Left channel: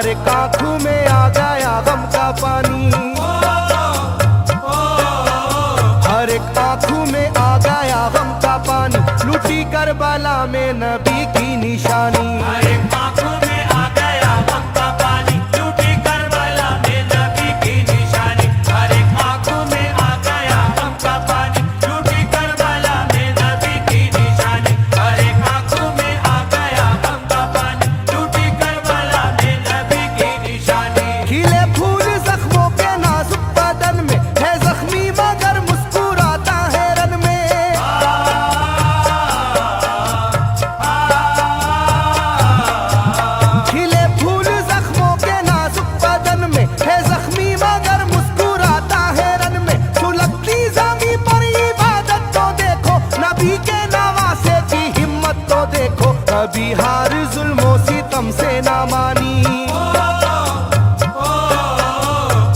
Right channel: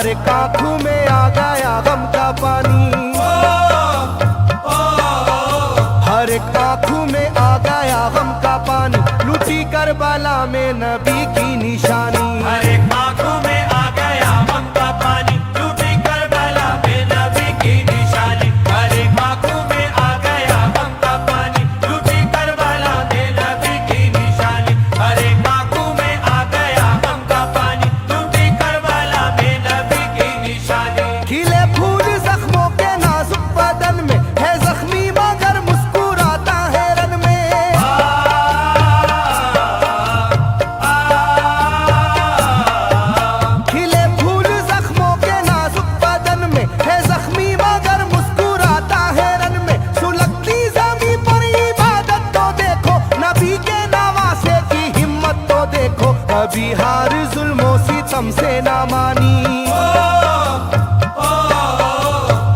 हर एक आंखों में आ गया गम का पानी, हर एक आंखों में आ गया गम का पानी, लूटी करबला में नबी की निशानी। हर एक आंखों में आ गया गम का पानी, लूटी करबला में नबी की निशानी। हर एक आंखों में आ गया गम का पानी, लूटी करबला में नबी की निशानी। हर एक आंखों में आ गया गम का पानी, लूटी करबला में नबी की निशानी। खिले फूल जख्मों के नाजुक बदन में है जख्मी मगर मुस्कुराता है रन में। खिले फूल जख्मों के नाजुक बदन में है जख्मी मगर मुस्कुराता है रन में। सुलगती ज़मीं पर इबादत तो देखो, नबी के नवासे की हिम्मत तो देखो। कभी हार जुल्मों सितम से ना मानी,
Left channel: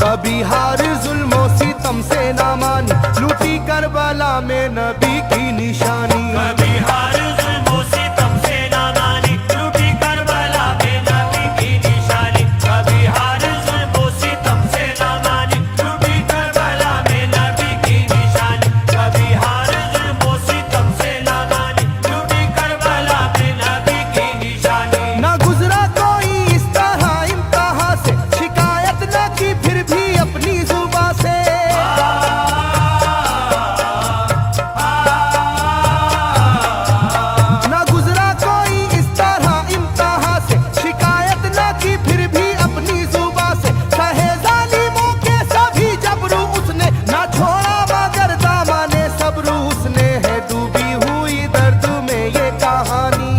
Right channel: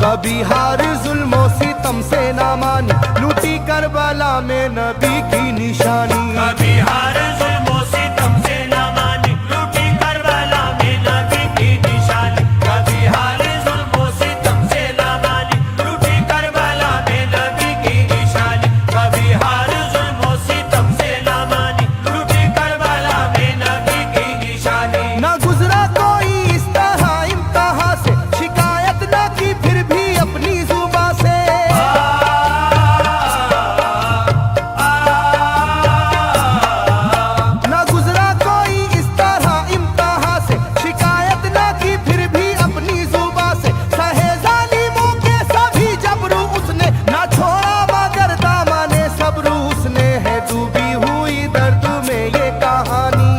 कभी हार जुल्मों सितम से ना मानी, लूटी करबला में नबी की निशानी। कभी हार जुल्मों सितम से ना मानी, लूटी करबला में नबी की निशानी। कभी हार जुल्मों सितम से ना मानी, लूटी करबला में नबी की निशानी। कभी हार जुल्मों सितम से ना मानी, लूटी करबला में नबी की निशानी। ना गुजरा कोई इस तरह इम्तिहान से, शिकायत ना की फिर भी अपनी जुबां से। ना गुजरा कोई इस तरह इम्तिहान से, शिकायत ना की फिर भी अपनी जुबां से। सहे जालिमों के सभी जबरू उसने, ना छोड़ा मगर दामने सब्र उसने। है डूबी हुई दर्द में ये कहानी,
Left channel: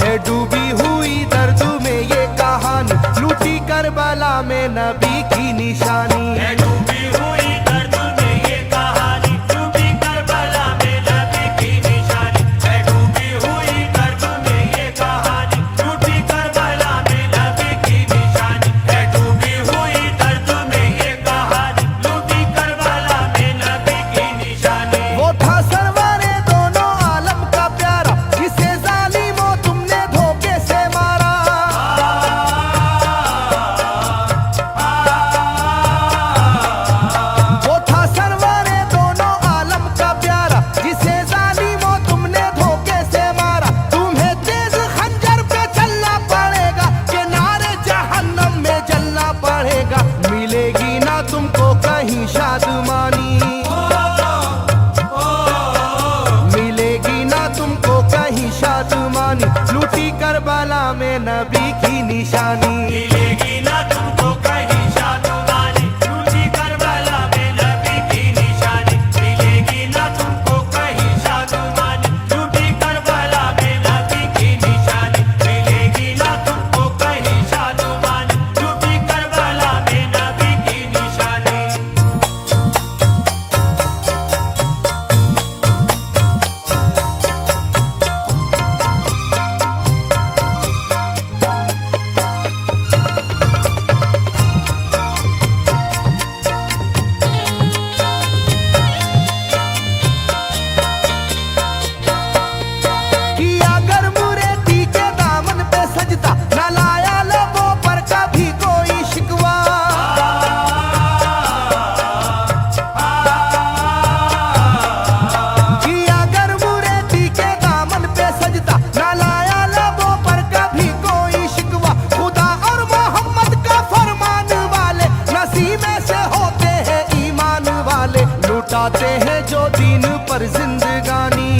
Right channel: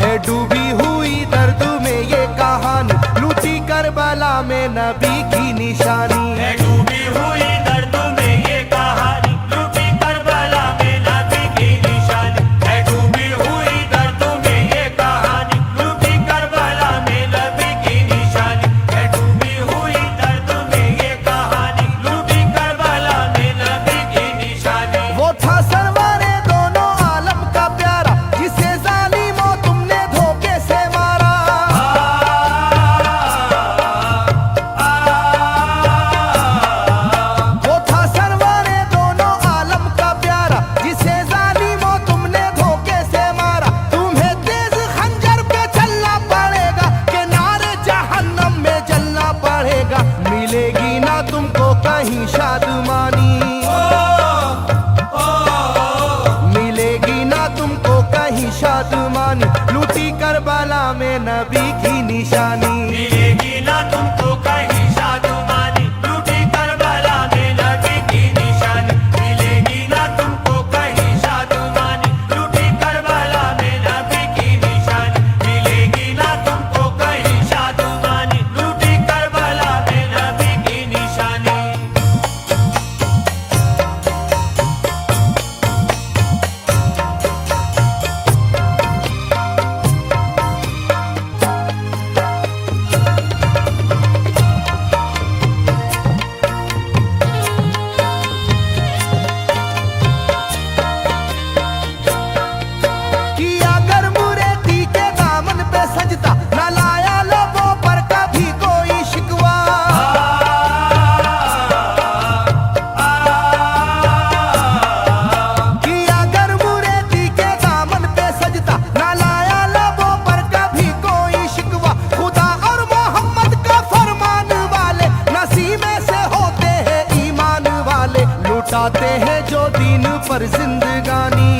है डूबी हुई दर्द में ये कहानी, लूटी करबला में नबी की निशानी। है डूबी हुई दर्द में ये कहानी, लूटी करबला में नबी की निशानी। है डूबी हुई दर्द में ये कहानी, लूटी करबला में नबी की निशानी। है डूबी हुई दर्द में ये कहानी, लूटी करबला में नबी की निशानी। वो था सरवारे दोनों आलम का प्यारा, जिसे जालिमों तुमने धोखे से मारा। वो था सरवारे दोनों आलम का प्यारा, जिसे जालिमों तुमने धोखे से मारा। तुम्हें तेज खंजर पे चलना पड़ेगा, कि नारे जहन्नम में जलना पड़ेगा। मिलेगी ना तुमको कहीं शादमानी, मिलेगी ना तुमको कहीं शादमानी, लूटी करबला में नबी की निशानी। मिलेगी ना तुमको कहीं शादमानी, लूटी करबला में नबी की निशानी। मिलेगी ना तुमको कहीं शादमानी, लूटी करबला में नबी की निशानी। मिलेगी ना तुमको कहीं शादमानी, लूटी करबला में नबी की निशानी। कि अगर मुरेदी के दामन पे सजदा, न लाया लोगों पर कभी कोई शिकवा। कि अगर मुरेदी के दामन पे सजदा, न लाया लोगों पर कभी कोई शिकवा। खुदा और मोहम्मद का फरमान वाले, नसीबे से होते हैं ईमान वाले। लुटाते हैं जो दीन पर जिंदगानी,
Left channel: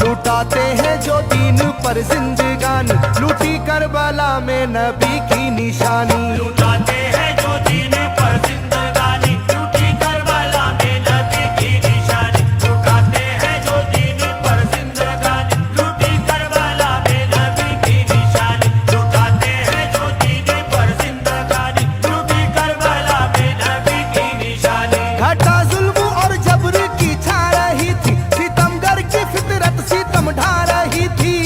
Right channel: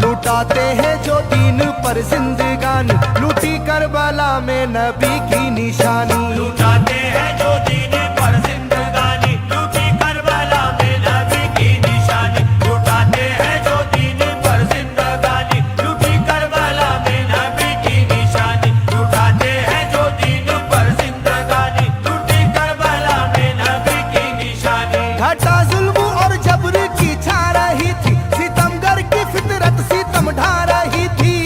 लुटाते हैं जो दीन पर जिंदगानी, लूटी करबला में नबी की निशानी। लुटाते हैं जो दीन पर जिंदगानी, लूटी करबला में नबी की निशानी। लुटाते हैं जो दीन पर जिंदगानी, लूटी करबला में नबी की निशानी। लुटाते हैं जो दीन पर जिंदगानी, लूटी करबला में नबी की निशानी। घटा जुल्म और जबर की छा रही थी, सितमगर की फितरत सितम ढा रही थी।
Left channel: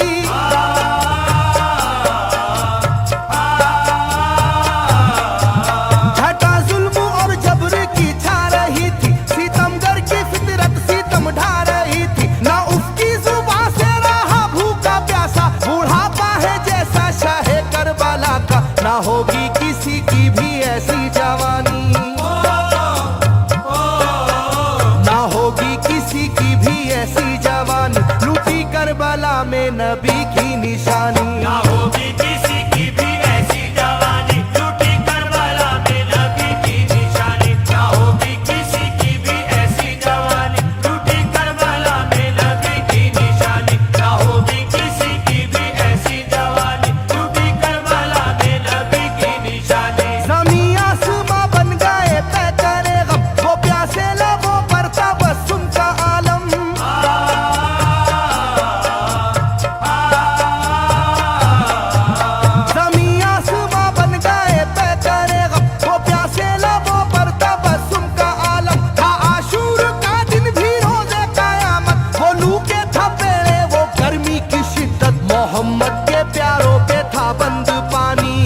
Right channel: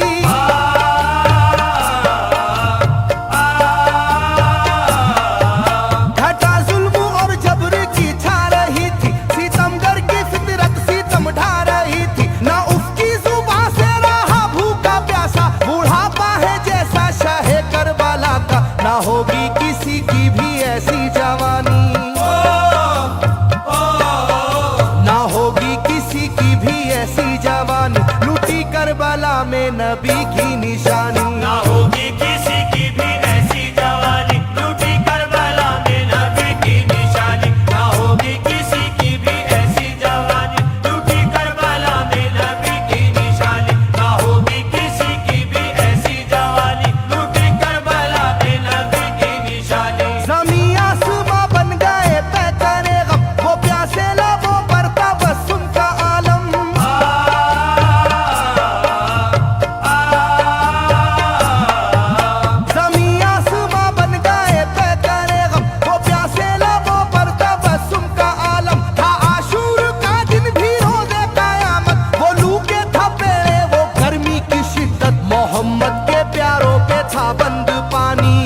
ना होगी किसी की भी ऐसी जवानी, ना होगी किसी की भी ऐसी जवानी, लूटी करबला में नबी की निशानी। ना होगी किसी की भी ऐसी जवानी, लूटी करबला में नबी की निशानी। ना होगी किसी की भी ऐसी जवानी, लूटी करबला में नबी की निशानी। ना होगी किसी की भी ऐसी जवानी, लूटी करबला में नबी की निशानी। ज़मीं आसमां बन गए तय करे गम, वो प्यासे लबों पर तबस्सुम का आलम। ज़मीं आसमां बन गए तय करे गम, वो प्यासे लबों पर तबस्सुम का आलम। था आशूर का दिन भी रोज़े क़यामत, वो लू के थपेड़े वो गर्मी की शिद्दत, मोहम्मद के प्यारों पे था बंद पानी,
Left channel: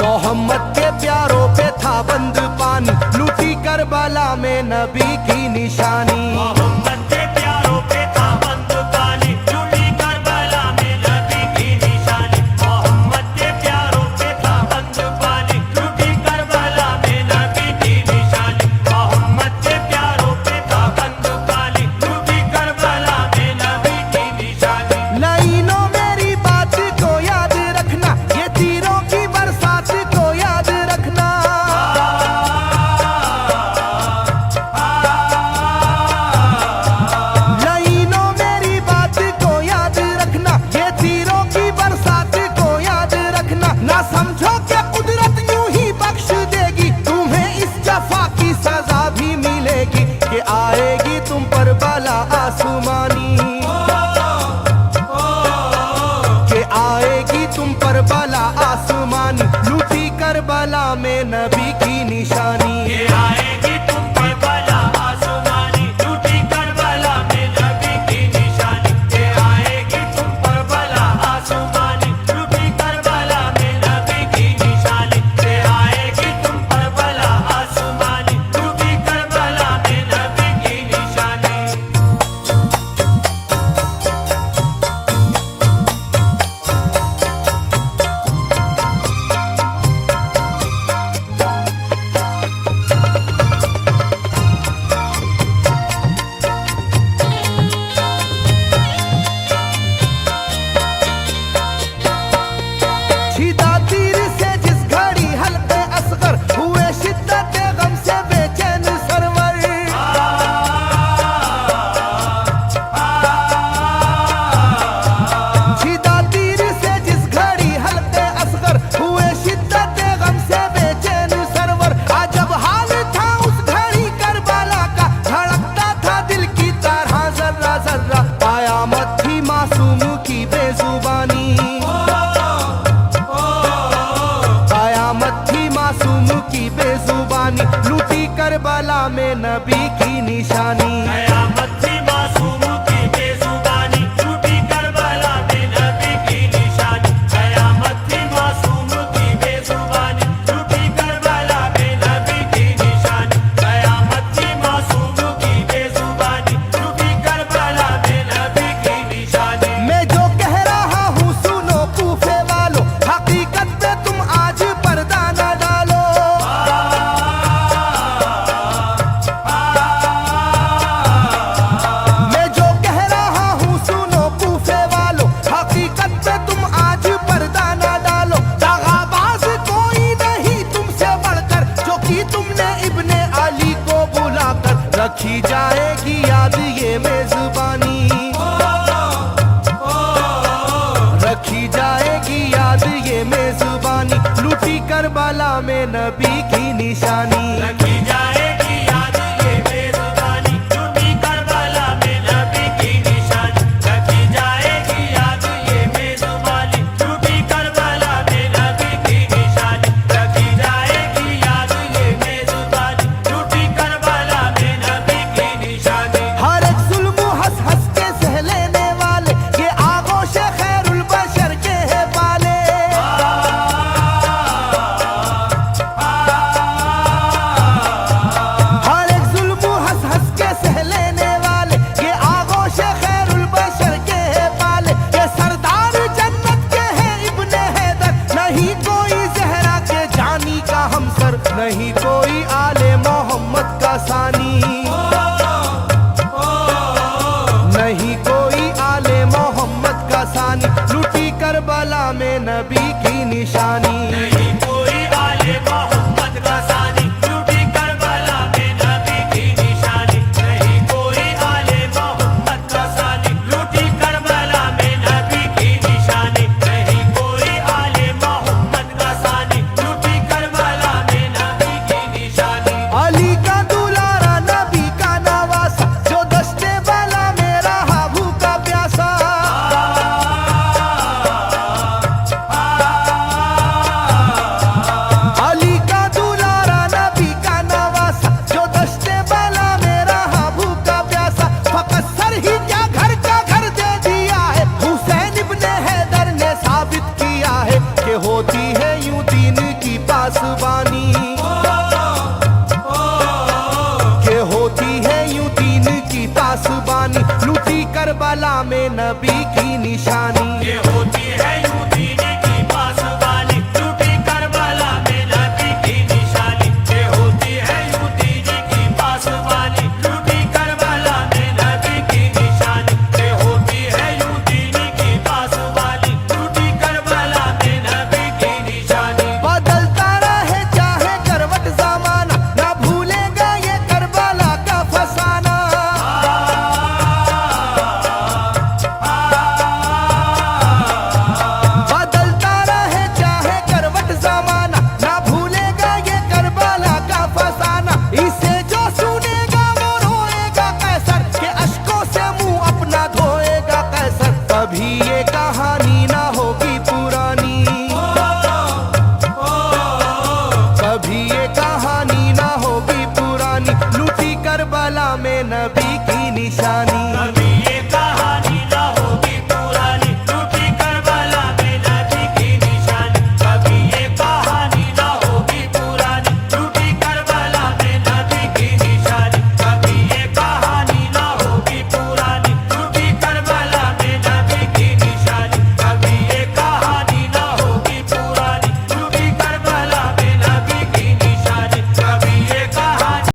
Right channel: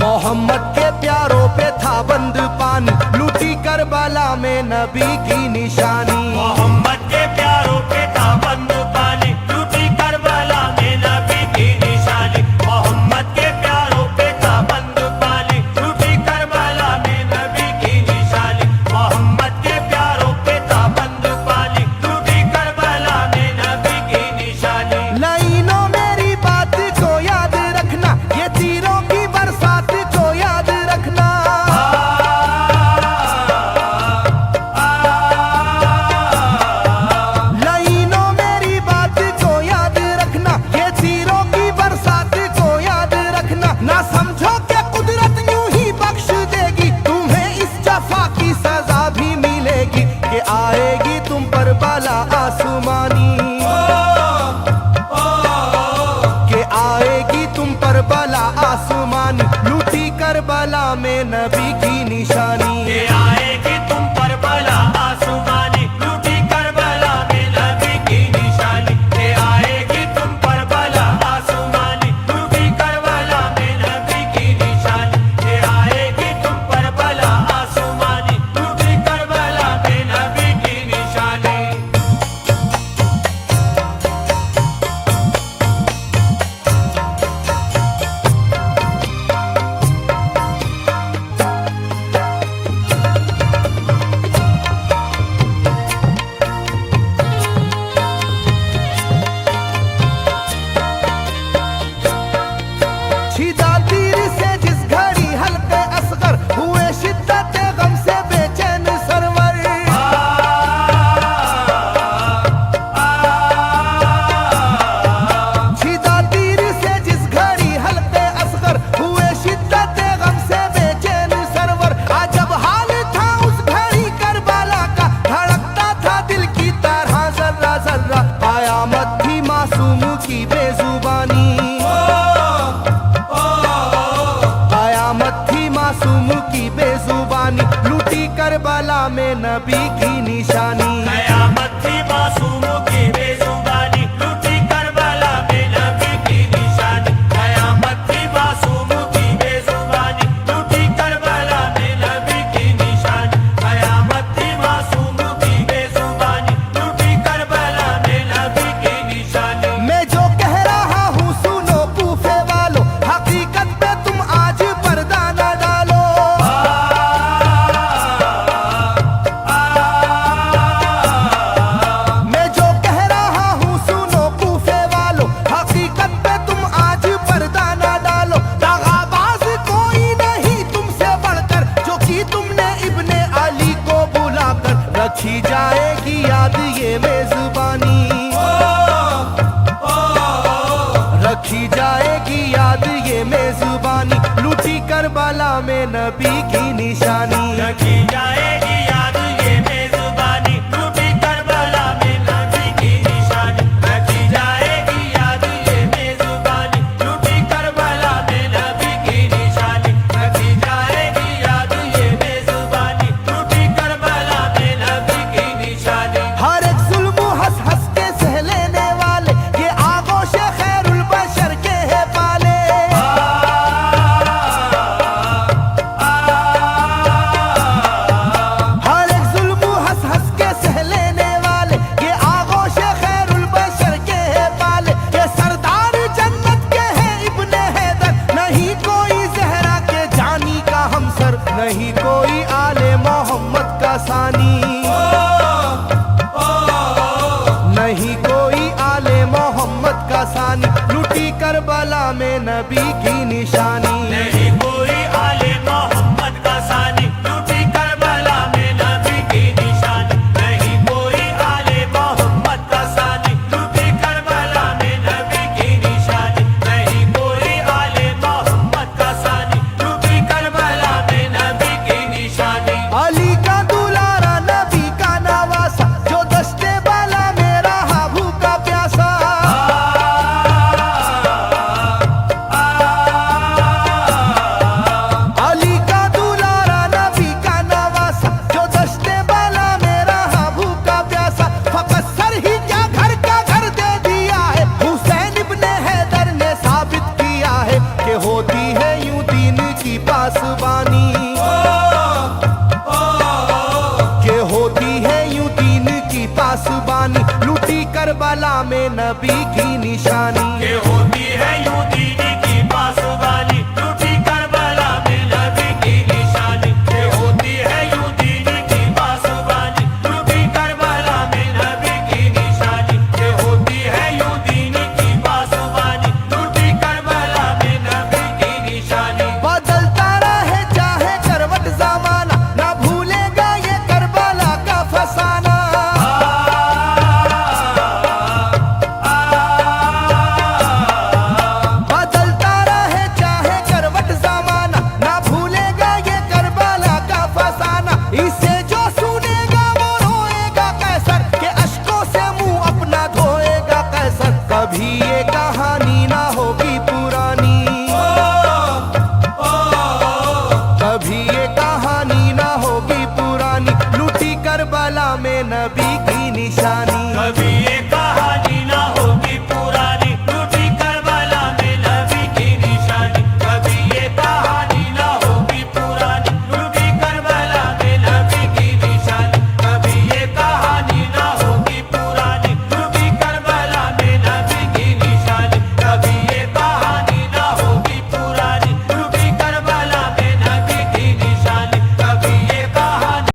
मोहम्मद के प्यारों पे था बंद पानी, लूटी करबला में नबी की निशानी। मोहम्मद के प्यारों पे था बंद पानी, लूटी करबला में नबी की निशानी। मोहम्मद के प्यारों पे था बंद पानी, लूटी करबला में नबी की निशानी। मोहम्मद के प्यारों पे था बंद पानी, लूटी करबला में नबी की निशानी। लाइनों मेरी बात को याद रखना, ये तीरों की बरसात को याद रखना। लाइनों मेरी बात को याद रखना, ये तीरों की बरसात को याद रखना। ना समझो कि कुदरत यूं ही बख्श देगी, तुम्हें इस जफा की सजा भी मिलेगी, कि आएगी तुम पर बला आसमानी, के आएगी तुम पर बला आसमानी, लूटी करबला में नबी की निशानी। ये आएगी तुम पर बला आसमानी, लूटी करबला में नबी की निशानी। ये आएगी तुम पर बला आसमानी, लूटी करबला में नबी की निशानी। ये आएगी तुम पर बला आसमानी, लूटी करबला में नबी की निशानी। छिदा तीर से जिस घड़ी हल्के असगर हुए, शिद्दत गम से बेचैन सरवर। छिदा तीर से जिस घड़ी हल्के असगर हुए, शिद्दत गम से बेचैन सरवर। अजब हाल था उस घड़ी करबला का, धड़कता था दिल की तरह जर्रा जर्रा। कयामत थी मासूम की बेजुबानी, कयामत थी मासूम की बेजुबानी, लूटी करबला में नबी की निशानी। कयामत थी मासूम की बेजुबानी, लूटी करबला में नबी की निशानी। कयामत थी मासूम की बेजुबानी, लूटी करबला में नबी की निशानी। कयामत थी मासूम की बेजुबानी, लूटी करबला में नबी की निशानी। मैं जो कह रहा हूँ सुनो कूफे वालों, हकीकत पे तुम आज पर्दा न डालो। मैं जो कह रहा हूँ सुनो कूफे वालों, हकीकत पे तुम आज पर्दा न डालो। दगाबाज कोई नहीं तुमसे बढ़कर, जो कि तुमने इब्ने अली को बुलाकर, रखी जाएगी याद ये मेजबानी, रखी जाएगी याद ये मेजबानी, लूटी करबला में नबी की निशानी। रखी जाएगी याद ये मेजबानी, लूटी करबला में नबी की निशानी। रखी जाएगी याद ये मेजबानी, लूटी करबला में नबी की निशानी। रखी जाएगी याद ये मेजबानी, लूटी करबला में नबी की निशानी। हर एक जुल्म हंस हंस के सह लेने वाले, ये आगोश खैरुल बशर के है पाले। कासर, नहीं कोई आले मोहम्मद का सानी, नहीं कोई आले मोहम्मद का सानी, लुटी करबला में नबी की निशानी। नहीं कोई आले मोहम्मद का सानी, लूटी करबला में नबी की निशानी। नहीं कोई आले मोहम्मद का सानी, लूटी करबला में नबी की निशानी। नहीं कोई आले मोहम्मद का सानी, लूटी करबला में नबी की निशानी। अली का दुलारा नबी का नवासा, जो दस्ते बाला में रहा भूखा प्यासा। अली का दुलारा नबी का नवासा, जो दस्ते बाला में रहा भूखा प्यासा। फकत सर ही क्या घर का घर दे दिया है, हुसैन इब्ने हैदर ने साबित किया है कि होती है यूं दीन की पासबानी, के होती है यूं दीन की पासबानी, लूटी करबला में नबी की निशानी। ये होती है यूं दीन की पासबानी, लूटी करबला में नबी की निशानी। ये होती है यूं दीन की पासबानी, लूटी करबला में नबी की निशानी। ये होती है यूं दीन की पासबानी, लूटी करबला में नबी की निशानी। बदलता रहे चाहे करवट जमाना, ना भूलेगा ये करबला का फसाना। बदलता रहे चाहे करवट जमाना, ना भूलेगा ये करबला का फसाना। इसे जो सुनेगा वो रोएगा कैसर, के अश्कों से मुंह अपना धोएगा कैसर। कभी ये कहानी ना होगी पुरानी, कभी ये कहानी ना होगी पुरानी, लूटी करबला में नबी की निशानी। कभी